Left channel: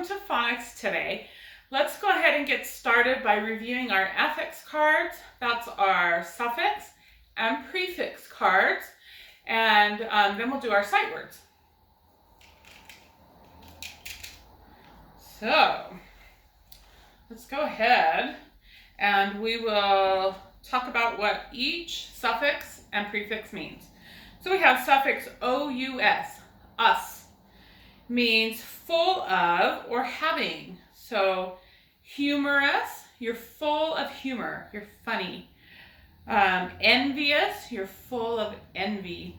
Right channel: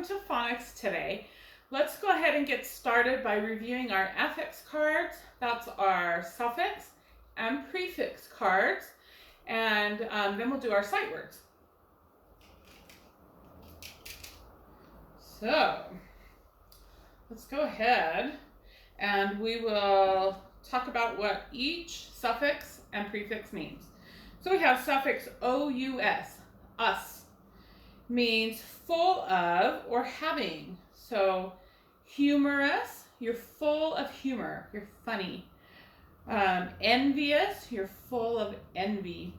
welcome to Phonics today. Let's go ahead and get started by reviewing our affix cards. That's our suffix and prefix cards, and then we'll do our sight words. So let's go ahead and we will talk about what each suffix and prefix means. So we have suffix OUS, us, means full of or having. So humorous, you're full of humor, you're funny. Envious, you're full of envy.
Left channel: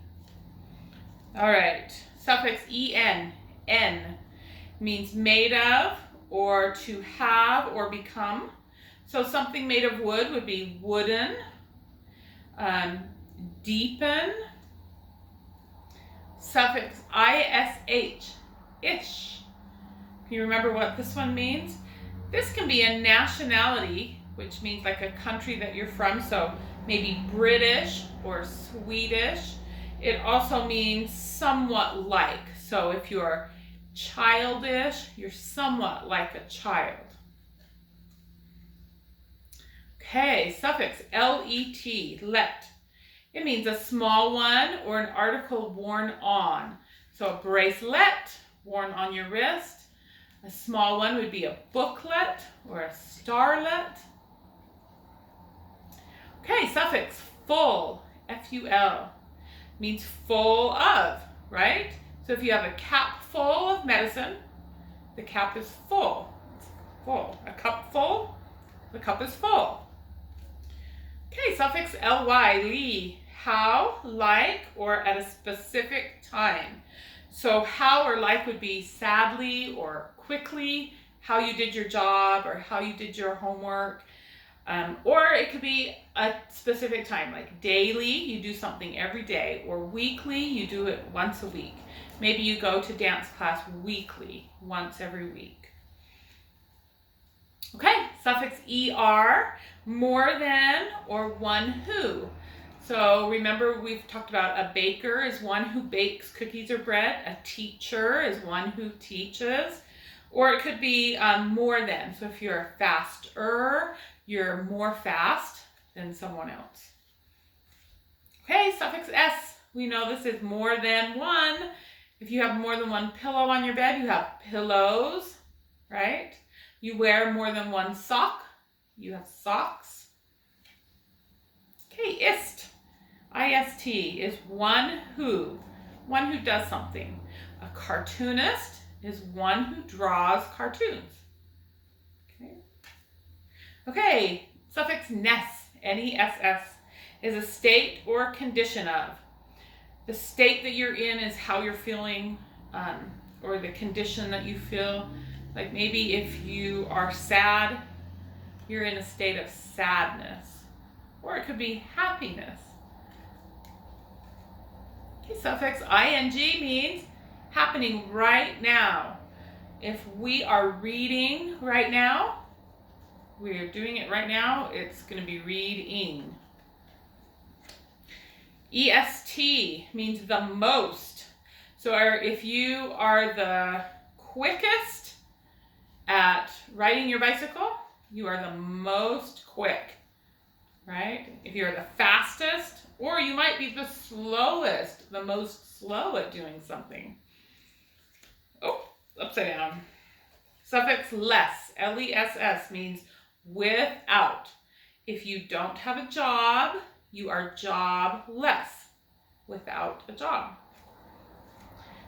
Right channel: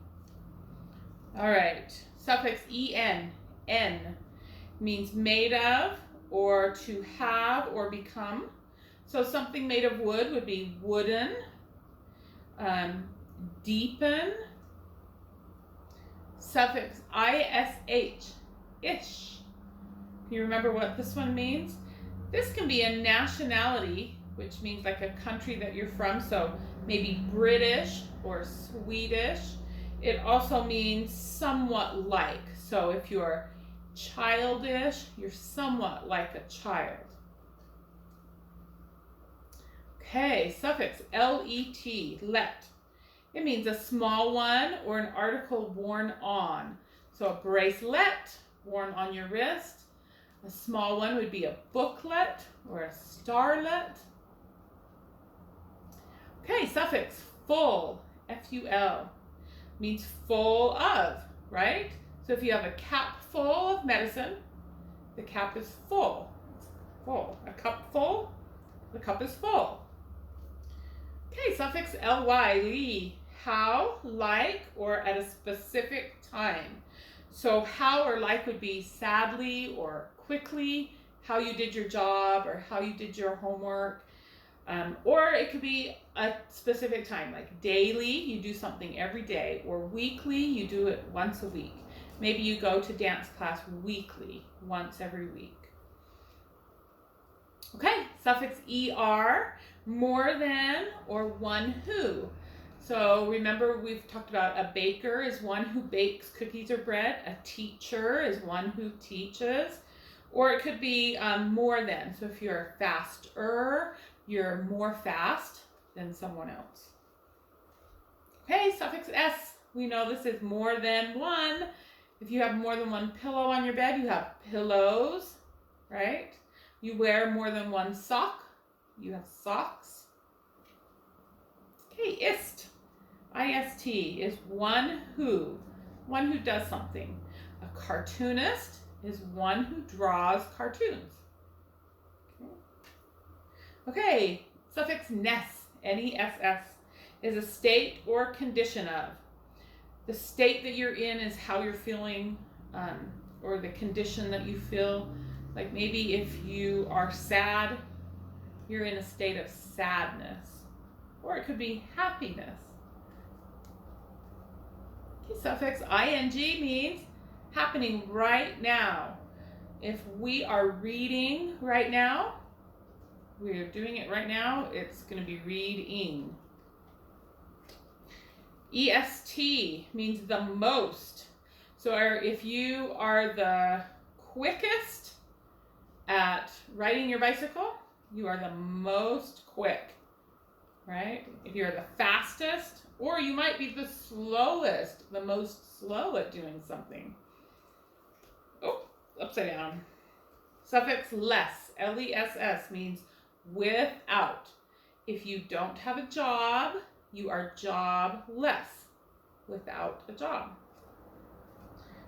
All right, suffix en, n, means made of or to have or become. So something made of wood would be wooden. Deepen. Suffix ish, ish. Can you remember what this one means? This can be a nationality, which means like a country that you're from, so maybe British or Swedish. It also means somewhat like. So if you're childish, you're somewhat like a child. Okay, suffix let, let. It means a small one or an article worn on. So a bracelet worn on your wrist. A small one would be a booklet or a starlet. Okay, suffix full, F-U-L, means full of, right? So if you have a cap full of medicine, the cap is full. It's full. A cup full, the cup is full. Okay, suffix ly, ly, how, like, or at a specific time. So how or like would be sadly or quickly, how you did your job or how you did your homework. Or it could be a specific time, like daily, you do something every day, or weekly, you do it once a week. Maybe you go to dance class weekly, once every week. Okay, suffix er, more than or one who. So remember, we've talked about a baker is one who bakes cookies or bread. A teacher is one who teaches. Or it could be more than. So if you're faster, you're more fast than someone else. Okay, suffix s. We know this is more than one. If you have more than one pillow on your bed, you have pillows, right? You wear more than one sock, you have socks. Okay, ist. I-S-T is one who does something. A cartoonist is one who draws cartoons. Okay, suffix ness, N-E-S-S, is a state or condition of. The state that you're in is how you're feeling, or the condition that you feel. Like maybe if you are sad, you're in a state of sadness. Or it could be happiness. Okay, suffix ing means happening right now. If we are reading right now, we're doing it right now, it's going to be reading. EST means the most. So if you are the quickest at riding your bicycle, you are the most quick, right? If you're the fastest, or you might be the slowest, the most slow at doing something. Oh, upside down. Suffix less, L-E-S-S, means without. If you don't have a job, you are jobless, without a job.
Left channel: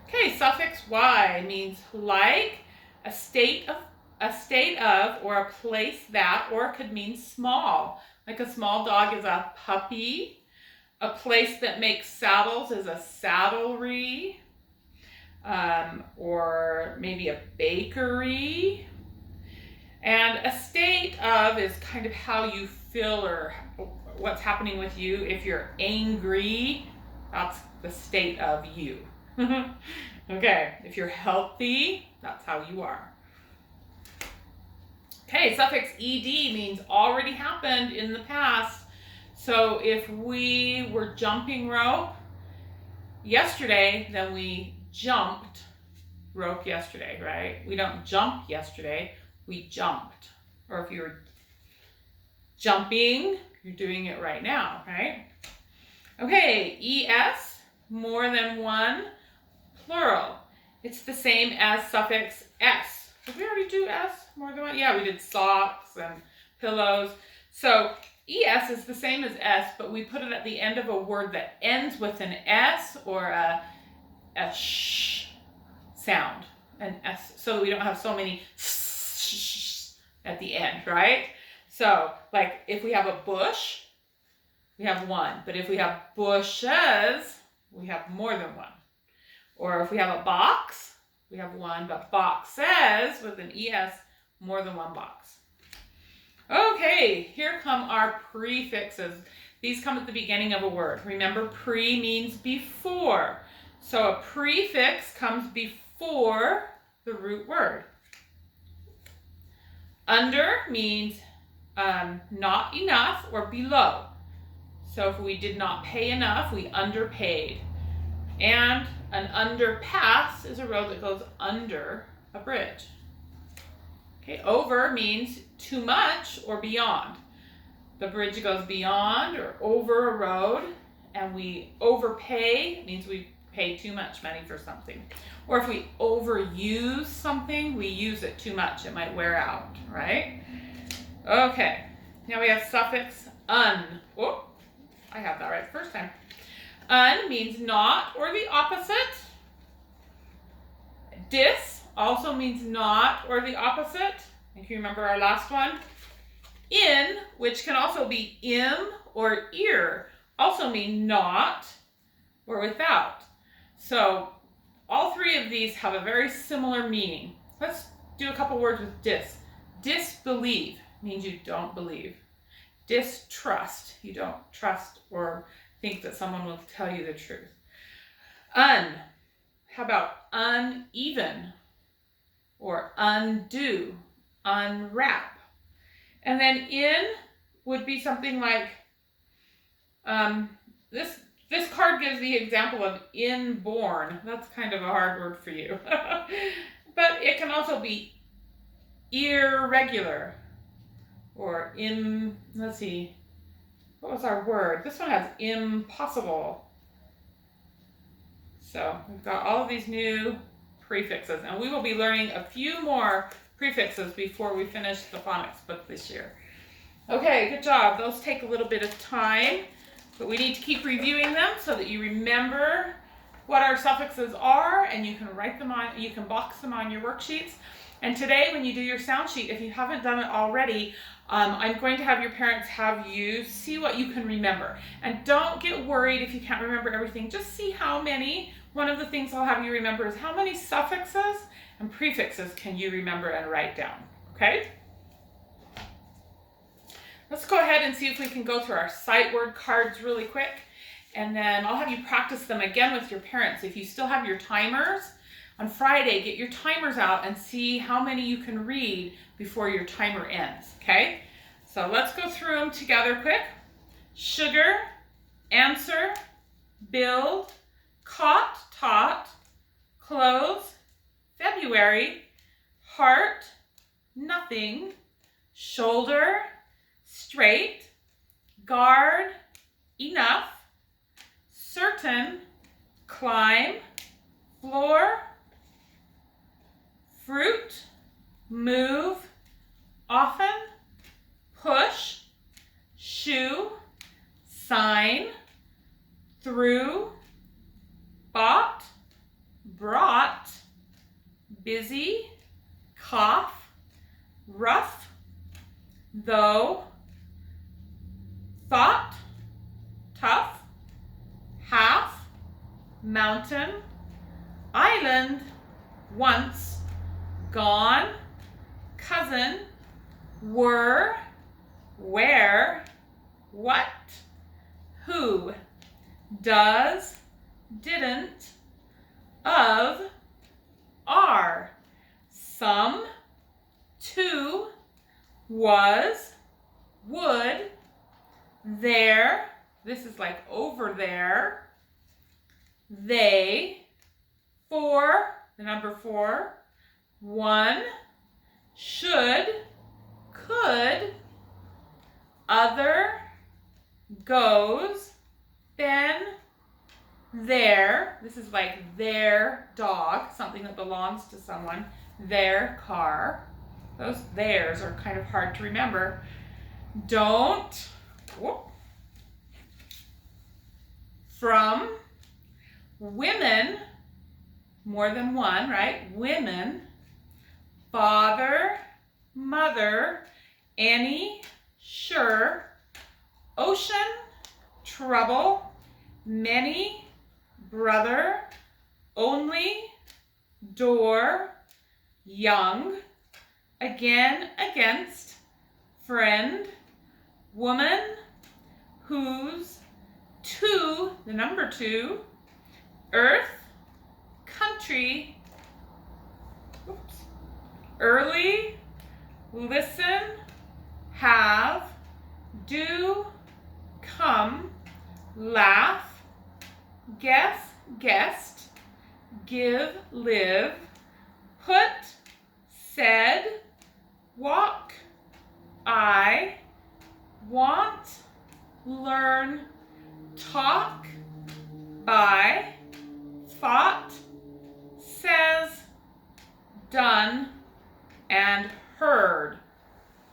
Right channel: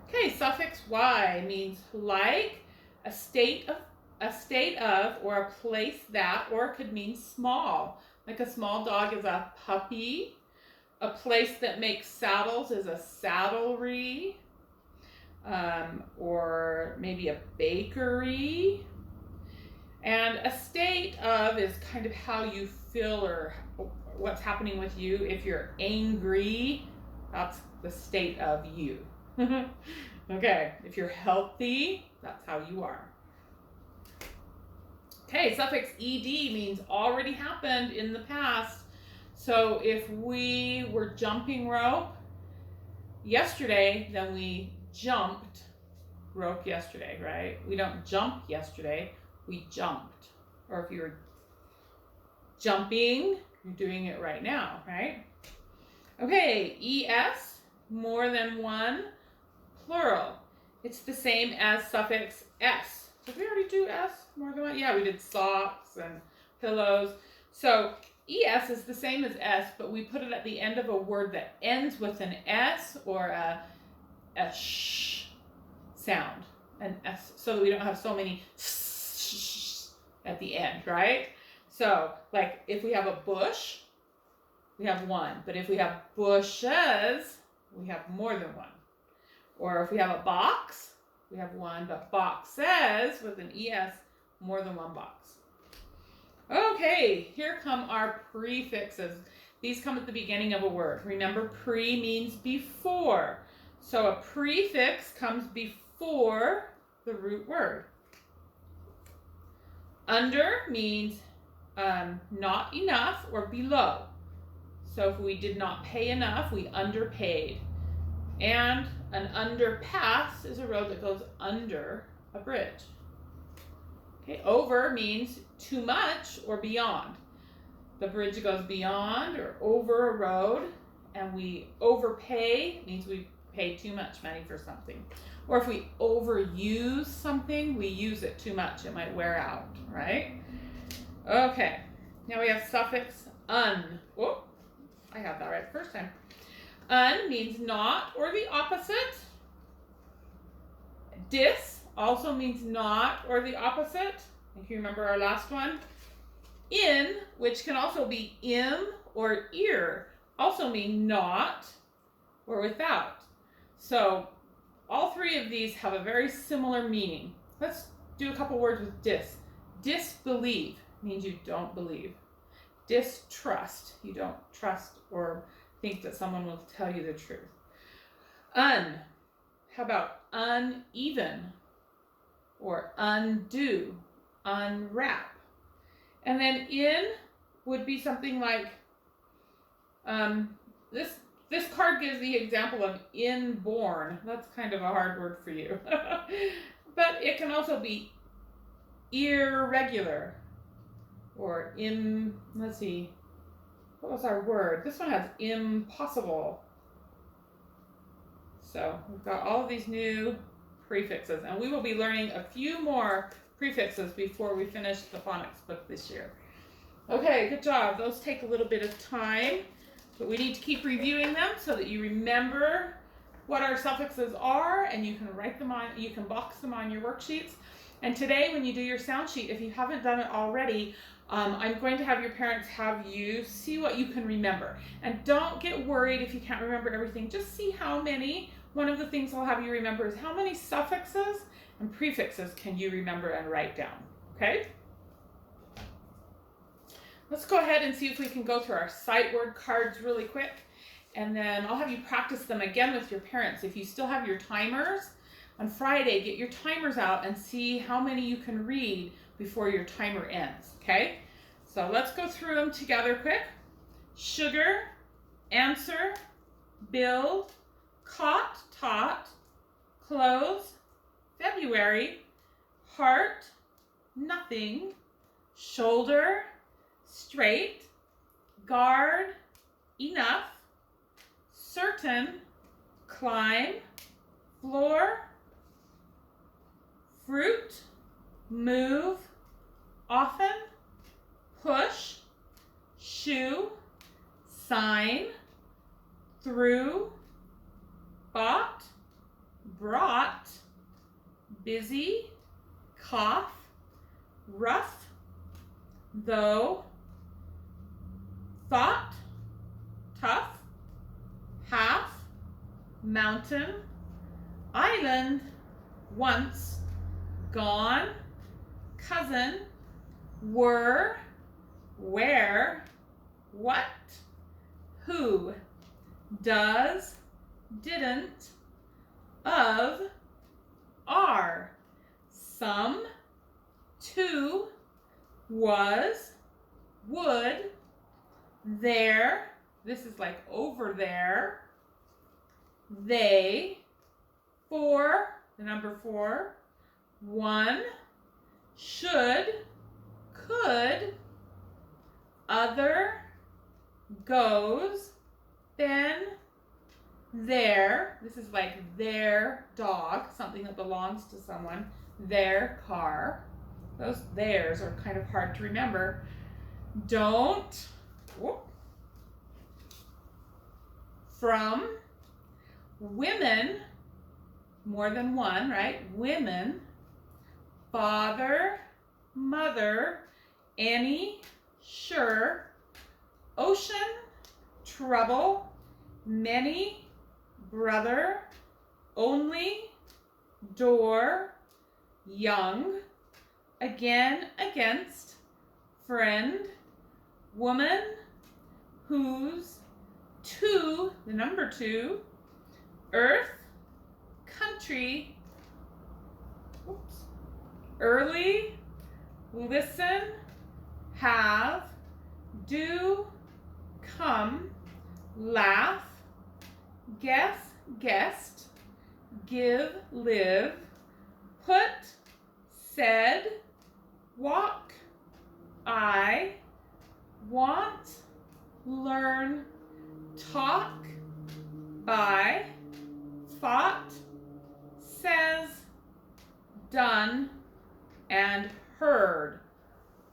Okay, suffix y means like, a state of, or a place that, or it could mean small. Like a small dog is a puppy. A place that makes saddles is a saddlery. Or maybe a bakery. And a state of is kind of how you feel or what's happening with you. If you're angry, that's the state of you. Okay, if you're healthy, that's how you are. Okay, suffix ed means already happened in the past. So if we were jumping rope yesterday, then we jumped broke yesterday, right? We don't jump yesterday, we jumped. Or if you're jumping, you're doing it right now, right? Okay, ES, more than one, plural. It's the same as suffix S. Did we already do S, more than one? Yeah, we did socks and pillows. So ES is the same as S, but we put it at the end of a word that ends with an S or a sh sound, an S, so that we don't have so many at the end, right? So, like, if we have a bush, we have one. But if we have bushes, we have more than one. Or if we have a box, we have one. But boxes, with an ES, more than one box. Okay, here come our prefixes. These come at the beginning of a word. Remember, pre means before. So a prefix comes before the root word. Under means not enough or below. So if we did not pay enough, we underpaid. And an underpass is a road that goes under a bridge. Okay, over means too much or beyond. The bridge goes beyond or over a road, and we overpay means we pay too much money for something. Or if we overuse something, we use it too much. It might wear out, right? Okay, now we have suffix un. Oh, I have that right the first time. Un means not or the opposite. Dis also means not or the opposite. If you remember our last one. In, which can also be im or ear, also mean not or without. So all three of these have a very similar meaning. Let's do a couple words with dis. Disbelieve means you don't believe. Distrust, you don't trust or think that someone will tell you the truth. Un, how about uneven or undo, unwrap? And then in would be something like, this card gives the example of inborn. That's kind of a hard word for you. But it can also be irregular or let's see, what was our word? This one has impossible. So we've got all of these new prefixes, and we will be learning a few more prefixes before we finish the phonics book this year. Okay, good job. Those take a little bit of time, but we need to keep reviewing them so that you remember what our suffixes are, and you can write them on, you can box them on your worksheets. And today, when you do your sound sheet, if you haven't done it already, I'm going to have your parents have you see what you can remember. And don't get worried if you can't remember everything. Just see how many. One of the things I'll have you remember is how many suffixes and prefixes can you remember and write down, okay? Let's go ahead and see if we can go through our sight word cards really quick, and then I'll have you practice them again with your parents. If you still have your timers, on Friday, get your timers out and see how many you can read before your timer ends, okay? So let's go through them together quick. Sugar, answer, build, caught, taught, clothes, February, heart, nothing, shoulder, straight, guard, enough, certain, climb, floor, fruit, move, often, push, shoe, sign, through, bought, brought, busy, cough, rough, though, thought, tough, half, mountain, island, once, gone, cousin, were, where, what, who, does, didn't, of, are, some, to, was, would, there, this is like over there, they, for, the number 4, 1, should, could, other, goes, then, their, this is like their dog, something that belongs to someone, their car. Those theirs are kind of hard to remember. Don't, whoop, from, women, more than one, right? Women, father, mother, any, sure, ocean, trouble, many, brother, only, door, young, again, against, friend, woman, whose, two, the number 2, earth, country, oops, early, listen, have, do, come, laugh, guess, guessed, give, live, put, said, walk, I, want, learn, talk, by, thought, says, done, and heard.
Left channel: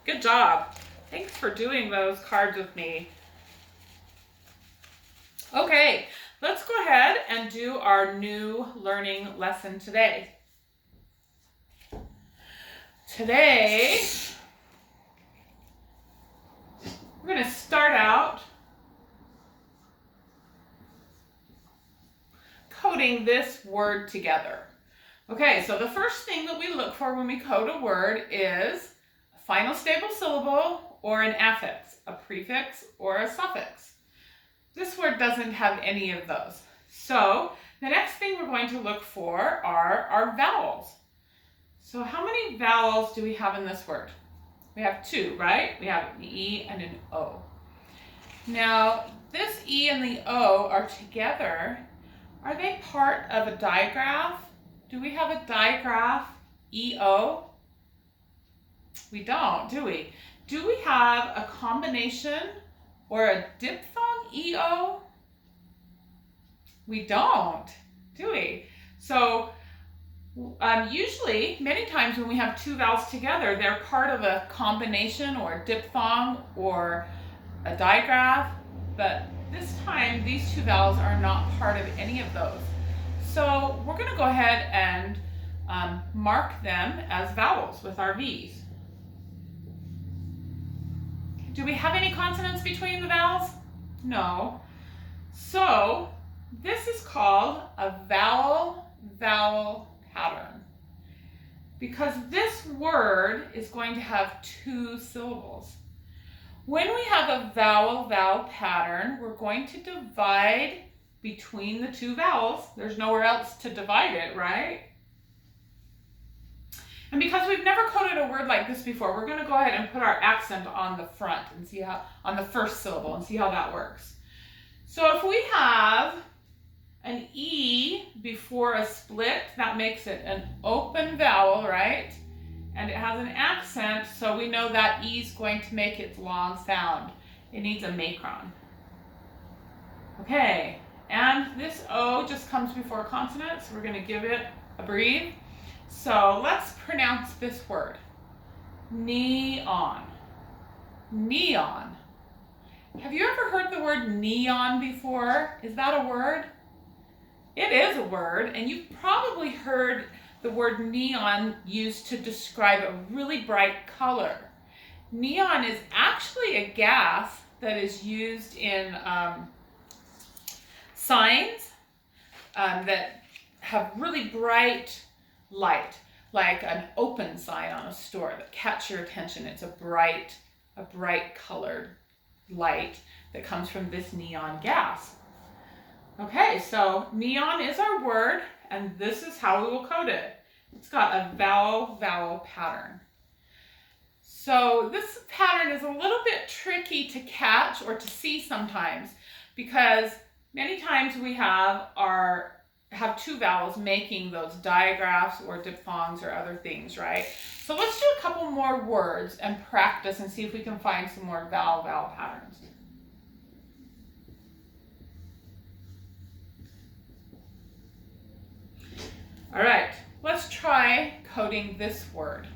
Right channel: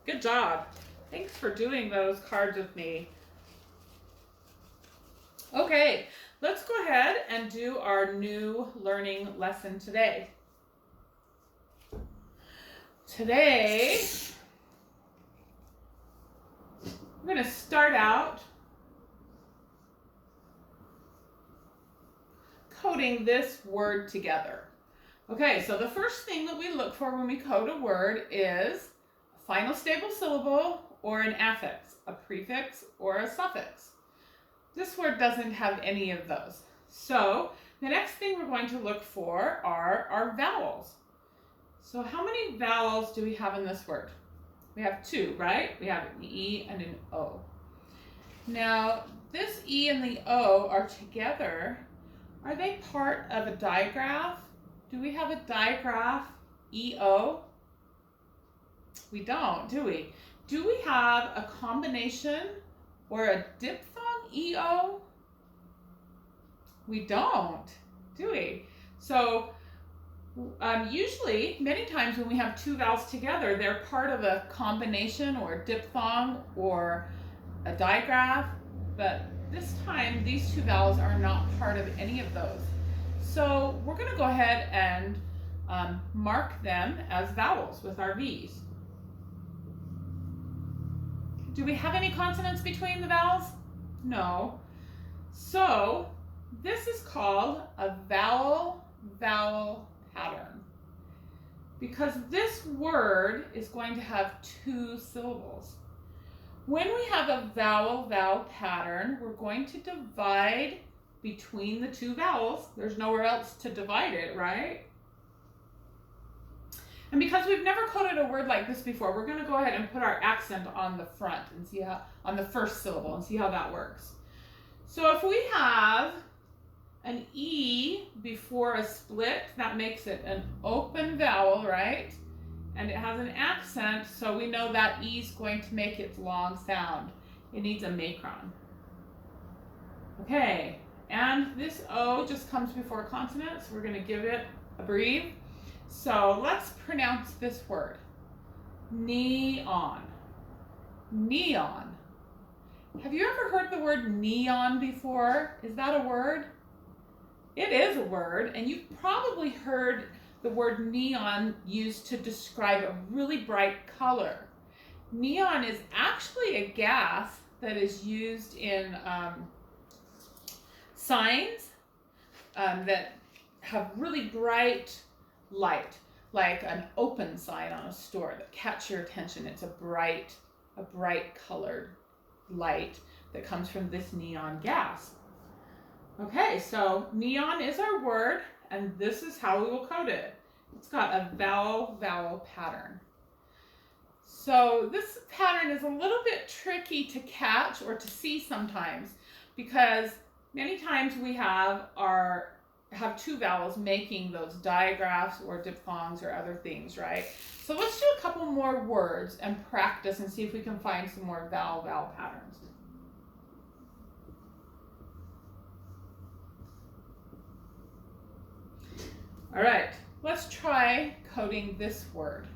Good job. Thanks for doing those cards with me. Okay, let's go ahead and do our new learning lesson today. Today, we're going to start out coding this word together. Okay, so the first thing that we look for when we code a word is a final stable syllable or an affix, a prefix or a suffix. This word doesn't have any of those. So the next thing we're going to look for are our vowels. So how many vowels do we have in this word? We have 2, right? We have an E and an O. Now, this E and the O are together. Are they part of a digraph? Do we have a digraph EO? We don't, do we? Do we have a combination or a diphthong EO? We don't, do we? So usually, many times when we have 2 vowels together, they're part of a combination or a diphthong or a digraph, but this time these 2 vowels are not part of any of those. So we're going to go ahead and mark them as vowels with our V's. Do we have any consonants between the vowels? No. So this is called a vowel-vowel pattern because this word is going to have 2 syllables. When we have a vowel-vowel pattern, we're going to divide between the 2 vowels. There's nowhere else to divide it, right? And because we've never coded a word like this before, we're going to go ahead and put our accent on the front and see how, on the first syllable, and see how that works. So if we have an E before a split, that makes it an open vowel, right? And it has an accent, so we know that E is going to make its long sound. It needs a macron. Okay, and this O just comes before a consonant, so we're going to give it a breathe. So let's pronounce this word. Neon. Neon. Have you ever heard the word neon before? Is that a word? It is a word, and you've probably heard the word neon used to describe a really bright color. Neon is actually a gas that is used in signs that have really bright light, like an open sign on a store that catch your attention. It's a bright colored light that comes from this neon gas. Okay, so neon is our word, and this is how we will code it. It's got a vowel-vowel pattern. So this pattern is a little bit tricky to catch or to see sometimes, because many times we have our have two vowels making those digraphs or diphthongs or other things, right? So let's do a couple more words and practice and see if we can find some more vowel patterns. All right, let's try coding this word.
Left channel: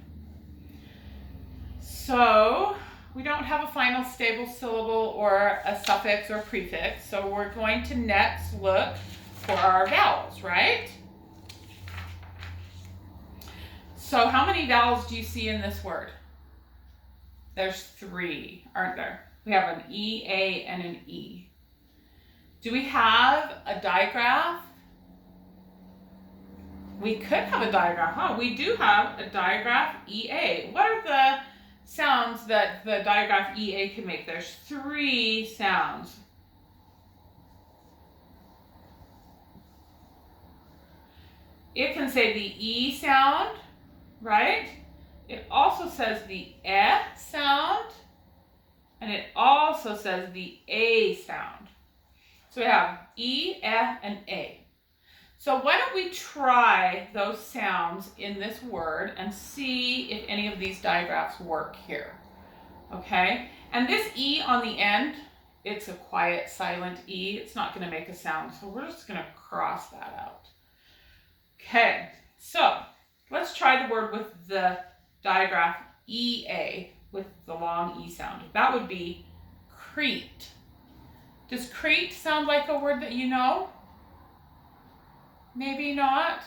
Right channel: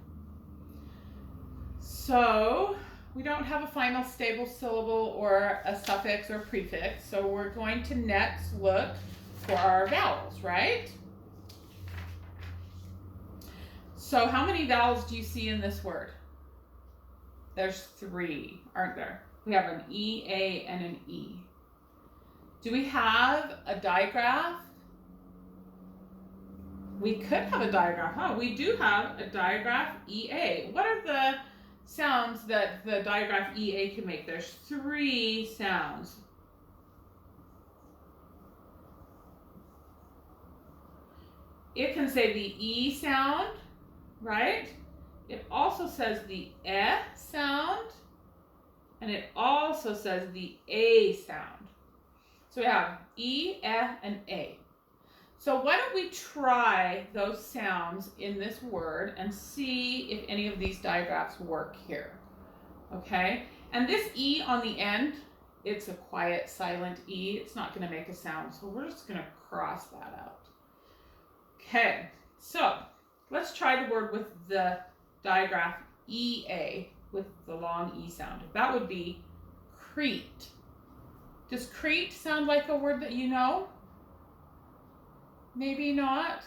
So we don't have a final stable syllable or a suffix or prefix, so we're going to next look for our vowels, right? So how many vowels do you see in this word? There's 3, aren't there? We have an E, A, and an E. Do we have a digraph? We could have a digraph, huh? We do have a digraph EA. What are the sounds that the digraph EA can make? There's 3 sounds. It can say the E sound, right? It also says the E sound, and it also says the A sound. So we have E, E, and A. So why don't we try those sounds in this word and see if any of these digraphs work here, okay? And this E on the end, it's a quiet, silent E. It's not going to make a sound, so we're just going to cross that out. Okay, so let's try the word with the digraph EA with the long E sound. That would be Crete. Does Crete sound like a word that you know? Maybe not.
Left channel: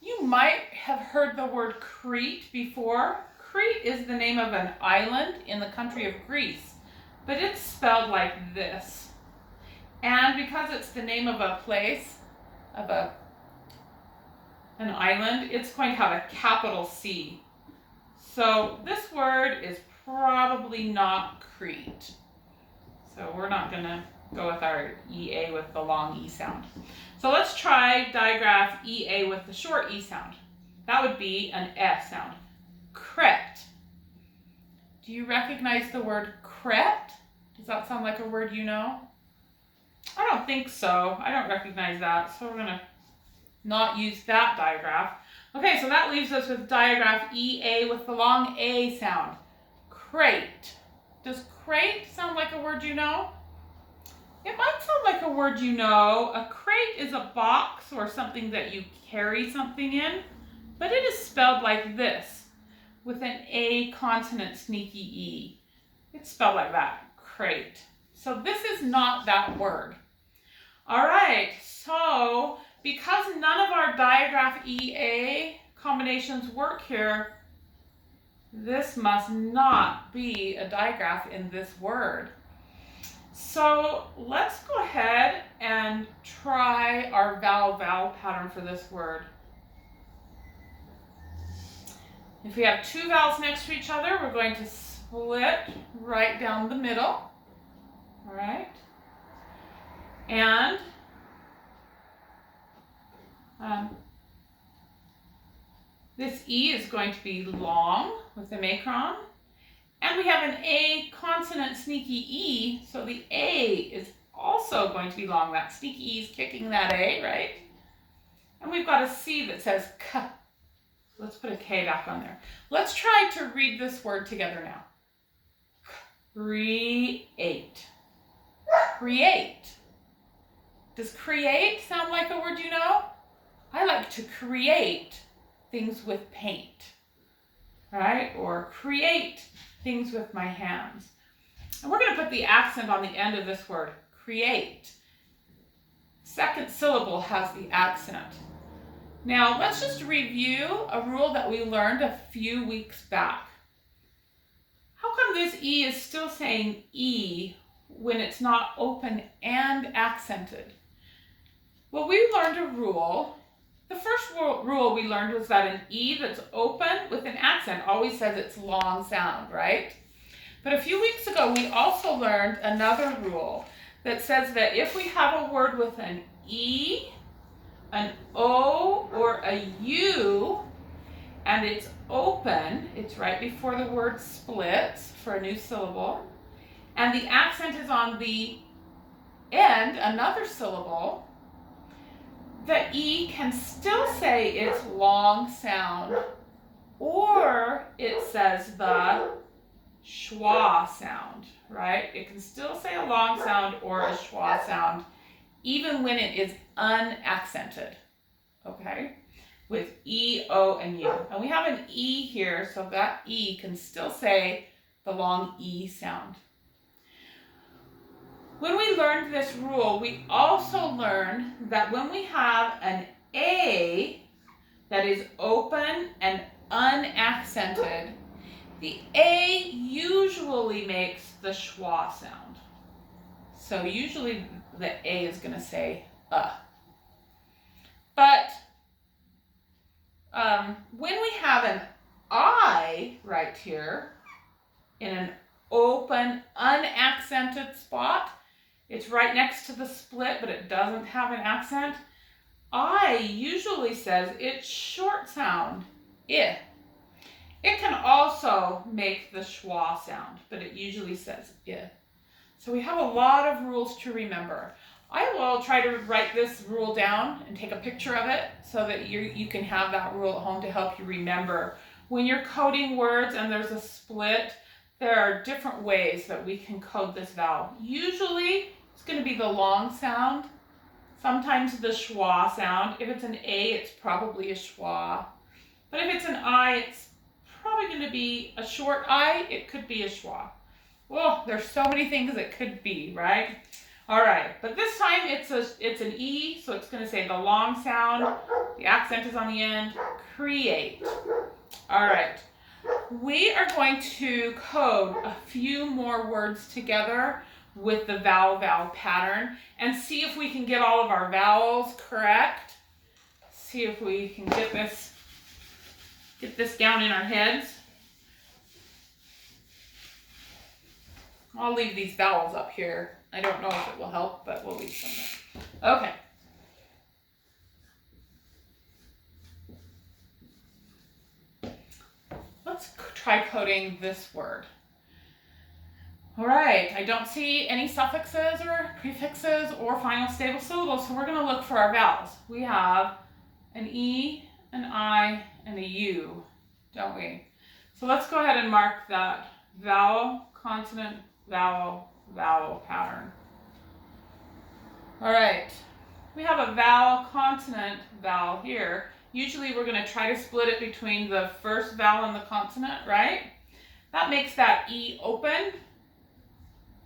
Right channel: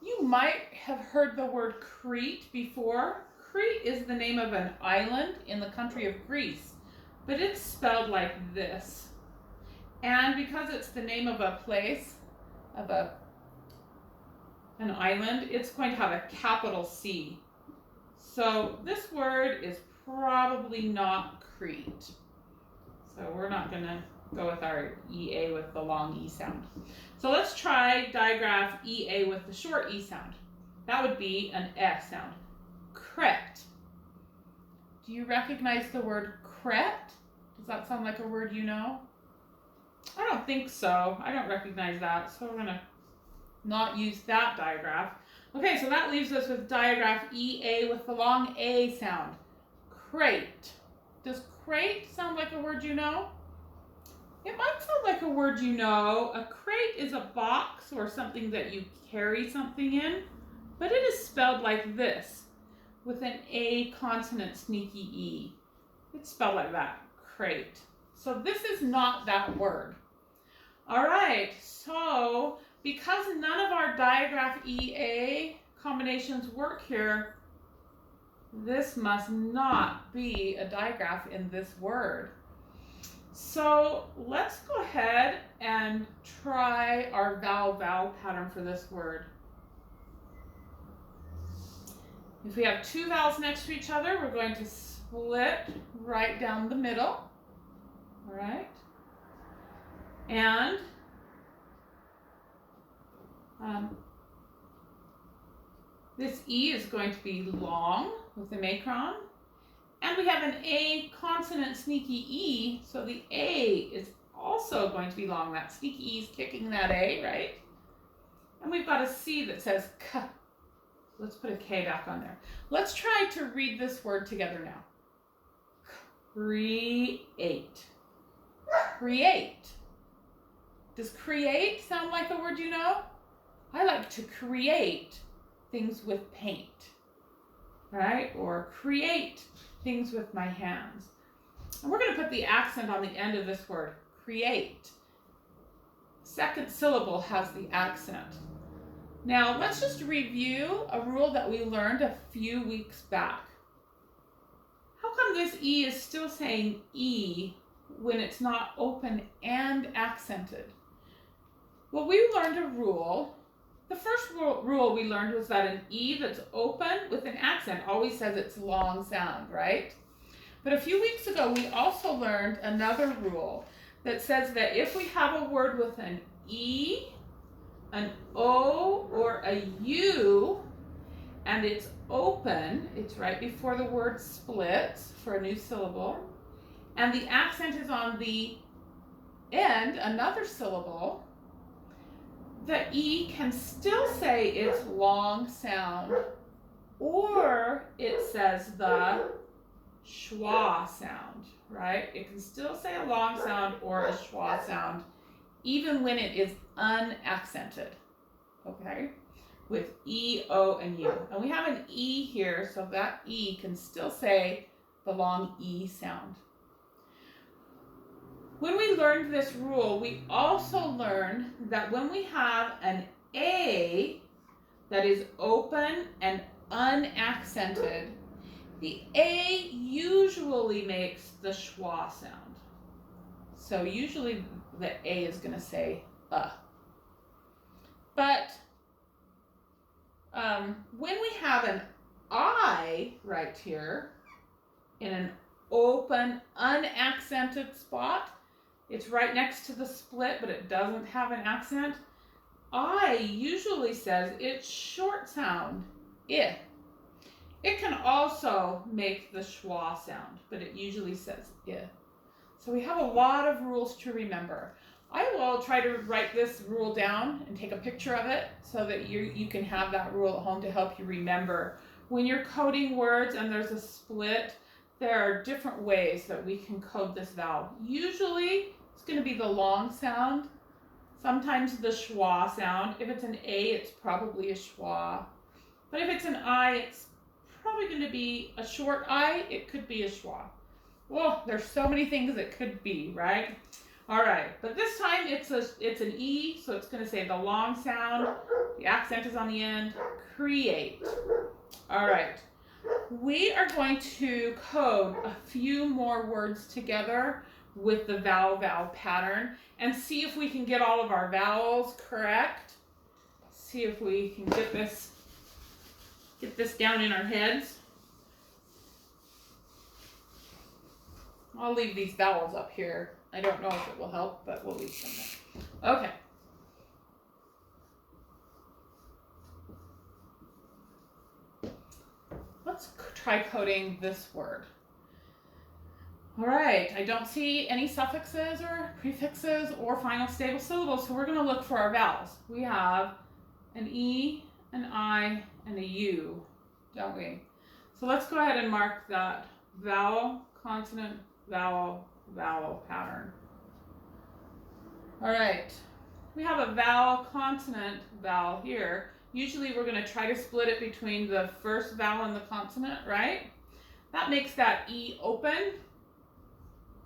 You might have heard the word Crete before. Crete is the name of an island in the country of Greece, but it's spelled like this. And because it's the name of a place, of an island, it's going to have a capital C. So this word is probably not Crete. So we're not going to go with our EA with the long E sound. So let's try digraph EA with the short E sound. That would be an F sound. Cret. Do you recognize the word cret? Does that sound like a word you know? I don't think so. I don't recognize that. So we're going to not use that digraph. Okay, so that leaves us with digraph EA with the long A sound. Crate. Does crate sound like a word you know? It might sound like a word you know. A crate is a box or something that you carry something in, but it is spelled like this with an A consonant sneaky E. It's spelled like that, crate. So this is not that word. All right, so because none of our digraph EA combinations work here, this must not be a digraph in this word. So let's go ahead and try our vowel pattern for this word. If we have 2 vowels next to each other, we're going to split right down the middle. All right. And this E is going to be long with the macron. And we have an A consonant sneaky E, so the A is also going to be long. That sneaky E is kicking that A, right? And we've got a C that says K. Let's put a K back on there. Let's try to read this word together now. Create. Create. Does create sound like a word you know? I like to create things with paint, right? Or create things with my hands. And we're going to put the accent on the end of this word, create. Second syllable has the accent. Now let's just review a rule that we learned a few weeks back. How come this E is still saying E when it's not open and accented? Well, we learned a rule. The first rule we learned was that an E that's open with an accent always says it's long sound, right? But a few weeks ago, we also learned another rule that says that if we have a word with an E, an O, or a U, and it's open, it's right before the word splits for a new syllable, and the accent is on the end, another syllable, the E can still say its long sound, or it says the schwa sound, right? It can still say a long sound or a schwa sound, even when it is unaccented, okay? With E, O, and U. And we have an E here, so that E can still say the long E sound. When we learned this rule, we also learned that when we have an A that is open and unaccented, the A usually makes the schwa sound. So usually the A is going to say But when we have an I right here in an open, unaccented spot, it's right next to the split, but it doesn't have an accent. I usually says its short sound, I. It can also make the schwa sound, but it usually says I. So we have a lot of rules to remember. I will try to write this rule down and take a picture of it so that you can have that rule at home to help you remember. When you're coding words and there's a split, there are different ways that we can code this vowel. Usually, it's going to be the long sound, sometimes the schwa sound. If it's an A, it's probably a schwa. But if it's an I, it's probably going to be a short I. It could be a schwa. Well, there's so many things it could be, right? All right, but this time it's an E, so it's going to say the long sound. The accent is on the end. Create. All right. We are going to code a few more words together with the vowel pattern and see if we can get all of our vowels correct. See if we can get this down in our heads. I'll leave these vowels up here. I don't know if it will help, but we'll leave them there. Okay. Let's try coding this word. All right, I don't see any suffixes or prefixes or final stable syllables, so we're going to look for our vowels. We have an E, an I, and a U, don't we? So let's go ahead and mark that vowel, consonant, vowel, vowel pattern. All right, we have a vowel, consonant, vowel here. Usually we're going to try to split it between the first vowel and the consonant, right? That makes that E open.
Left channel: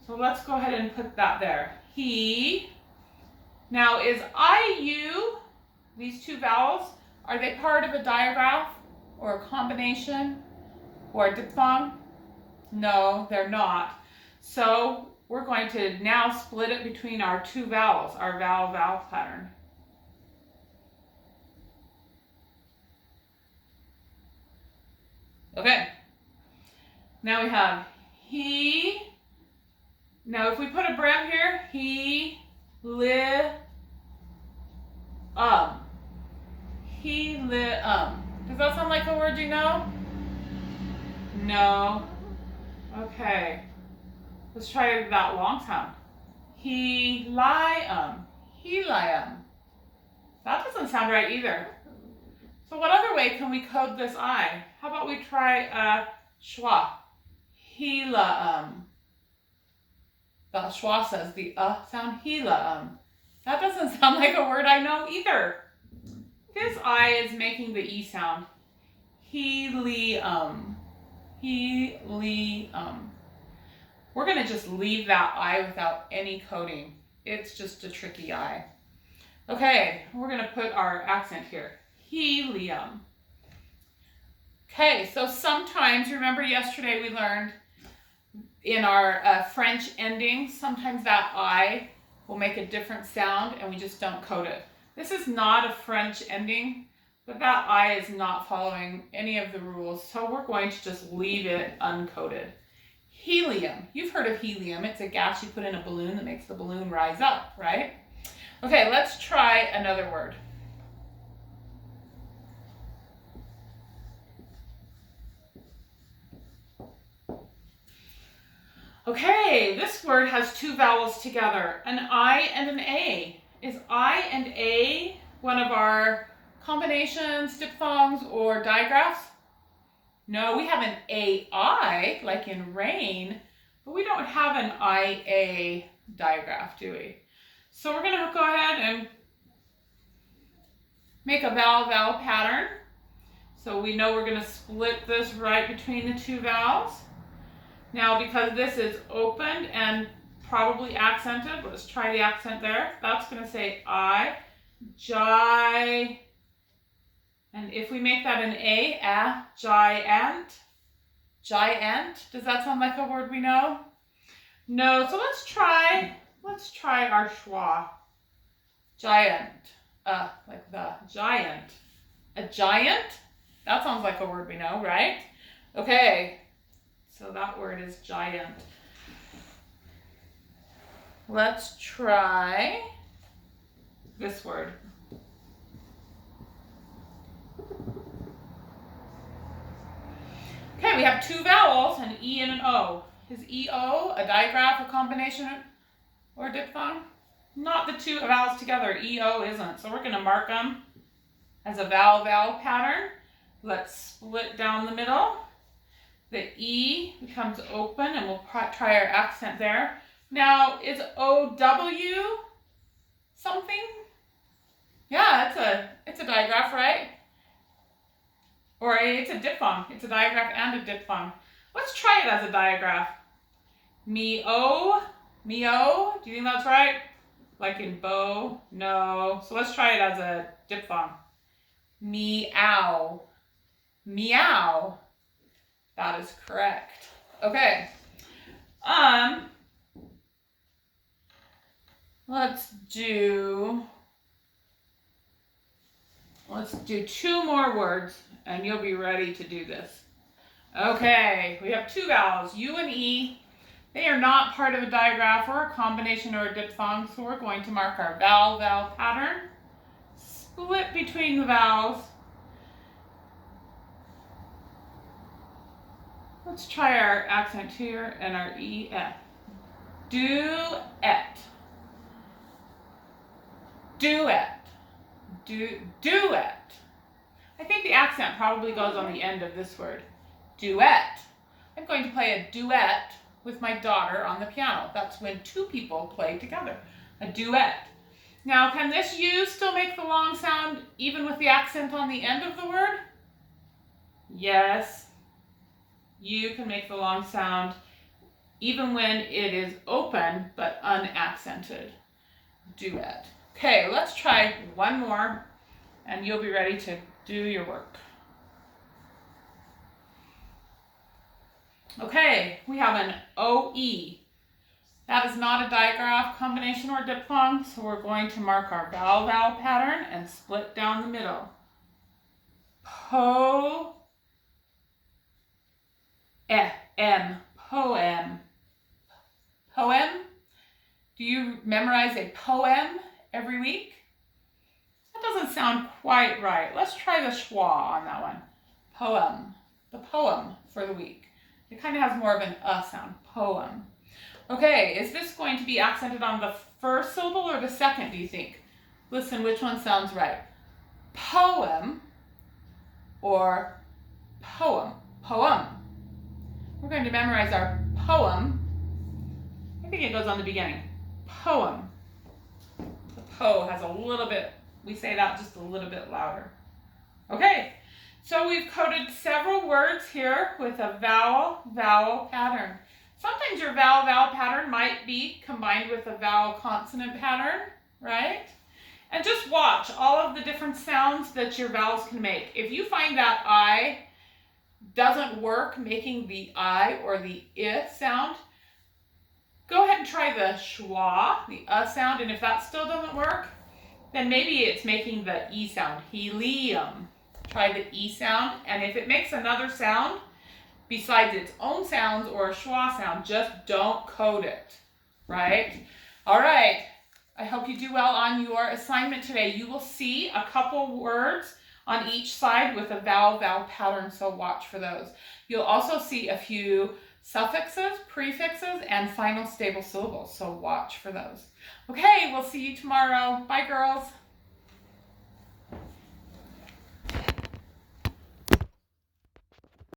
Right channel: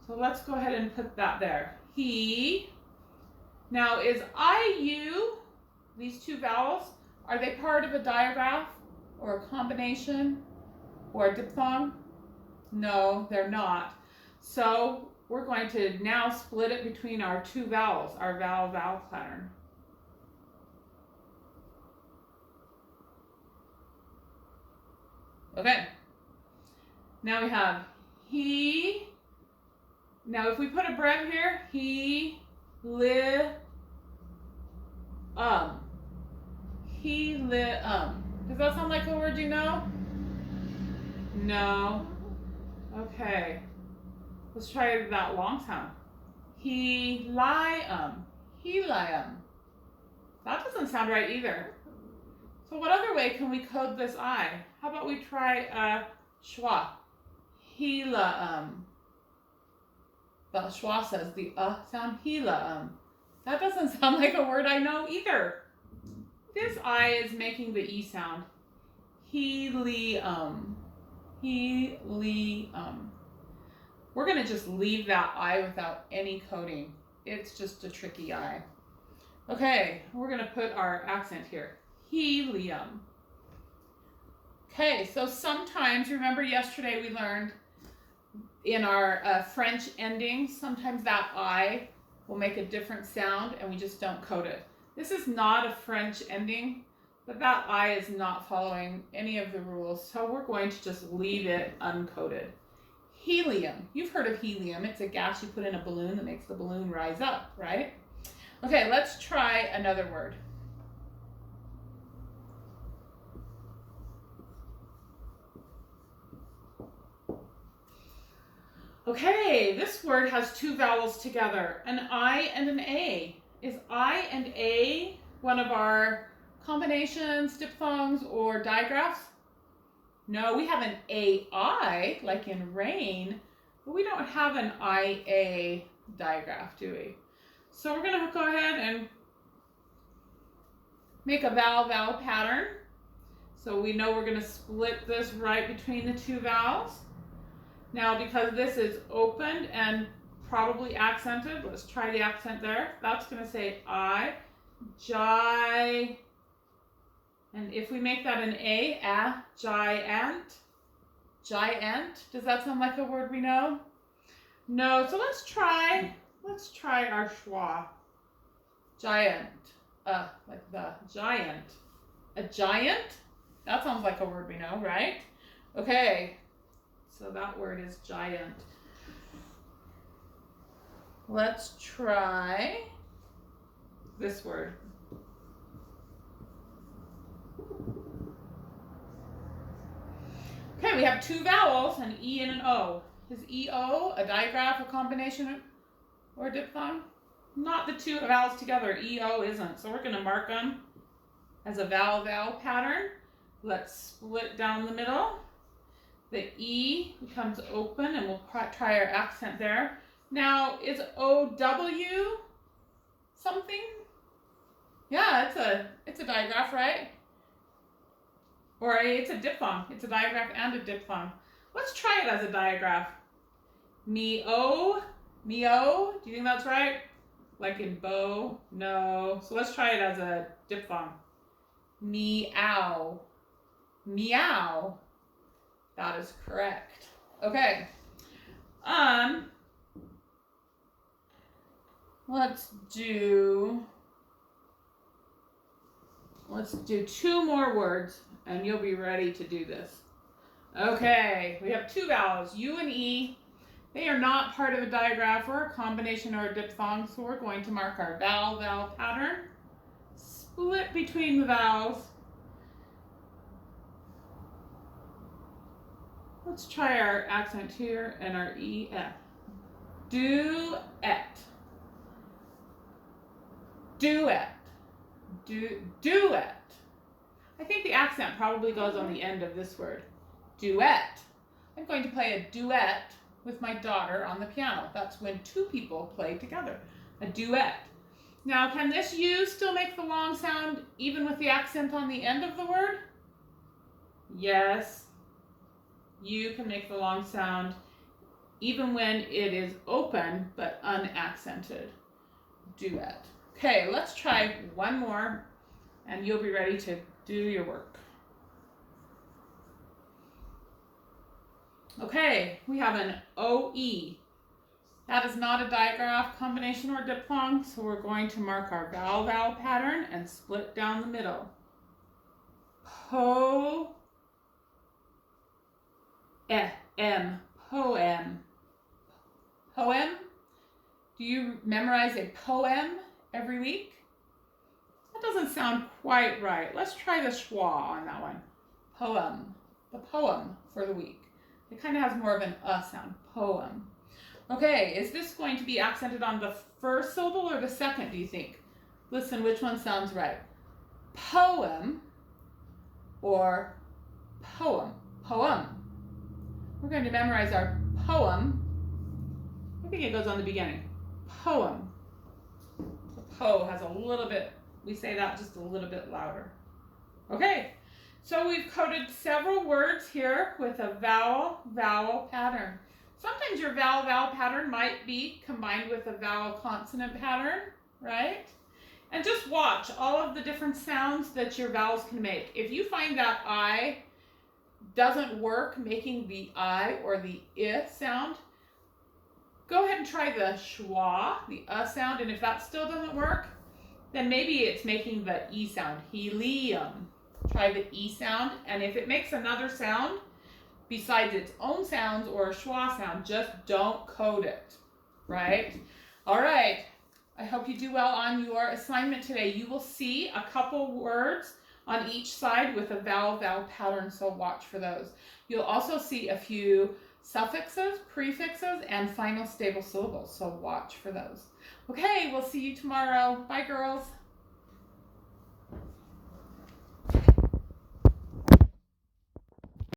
So let's go ahead and put that there. He. Now is I-U, these two vowels, are they part of a digraph or a combination or a diphthong? No, they're not. So we're going to now split it between our two vowels, our vowel pattern. Okay. Now we have he. Now if we put a breath here, he, li, he, li, Does that sound like a word you know? No. Okay. Let's try that long sound. He-li-um. He-li-um. That doesn't sound right either. So what other way can we code this I? How about we try schwa? He-la-um. The schwa says the sound. He-la-um. That doesn't sound like a word I know either. This I is making the E sound. He-li-um. He-li-um. We're going to just leave that I without any coding. It's just a tricky I. Okay, we're going to put our accent here. Helium. Okay, so sometimes, remember yesterday we learned in our French endings, sometimes that I will make a different sound and we just don't code it. This is not a French ending, but that I is not following any of the rules, so we're going to just leave it uncoded. Helium. You've heard of helium. It's a gas you put in a balloon that makes the balloon rise up, right? Okay, let's try another word. Okay, this word has two vowels together, an I and an A. Is I and A one of our combinations, diphthongs, or digraphs? No, we have an AI, like in rain, but we don't have an IA digraph, do we? So we're going to go ahead and make a vowel-vowel pattern. So we know we're going to split this right between the two vowels. Now, because this is opened and probably accented, let's try the accent there. That's going to say I, gi, and if we make that an a, giant, giant. Does that sound like a word we know? No, so let's try our schwa. Giant, like the giant. A giant? That sounds like a word we know, right? Okay, so that word is giant. Let's try this word. Okay, we have two vowels, an E and an O. Is EO a digraph, a combination, or a diphthong? Not the two vowels together. EO isn't. So we're going to mark them as a vowel-vowel pattern. Let's split down the middle. The E becomes open, and we'll try our accent there. Now, is OW something? Yeah, it's a digraph, right? Or it's a diphthong. It's a digraph and a diphthong. Let's try it as a digraph. Me-o. Do you think that's right? Like in bow? No. So let's try it as a diphthong. Meow. Meow. That is correct. Okay. Let's do two more words and you'll be ready to do this. Okay, we have two vowels, U and E. They are not part of a digraph or a combination or a diphthong, so we're going to mark our vowel-vowel pattern. Split between the vowels. Let's try our accent here and our E-F. Duet. Duet. Duet. I think the accent probably goes on the end of this word. Duet. I'm going to play a duet with my daughter on the piano. That's when two people play together. A duet. Now, can this U still make the long sound even with the accent on the end of the word? Yes. U can make the long sound even when it is open but unaccented. Duet. Okay, let's try one more and you'll be ready to do your work. Okay, we have an OE. That is not a digraph, combination, or diphthong, so we're going to mark our vowel-vowel pattern and split down the middle. Poem. Poem. Poem? Do you memorize a poem every week? That doesn't sound quite right. Let's try the schwa on that one. Poem. The poem for the week. It kind of has more of an sound. Poem. Okay, is this going to be accented on the first syllable or the second, do you think? Listen, which one sounds right? Poem or poem? Poem. We're going to memorize our poem. I think it goes on the beginning. Poem. The po has a little bit, we say that just a little bit louder. Okay, so we've coded several words here with a vowel-vowel pattern. Sometimes your vowel-vowel pattern might be combined with a vowel-consonant pattern, right? And just watch all of the different sounds that your vowels can make. If you find that I doesn't work making the I or the I sound, go ahead and try the schwa, the sound, and if that still doesn't work, then maybe it's making the E sound, helium. Try the E sound, and if it makes another sound besides its own sounds or a schwa sound, just don't code it, right? All right, I hope you do well on your assignment today. You will see a couple words on each side with a vowel-vowel pattern, so watch for those. You'll also see a few suffixes, prefixes, and final stable syllables, so watch for those. Okay, we'll see you tomorrow. Bye, girls.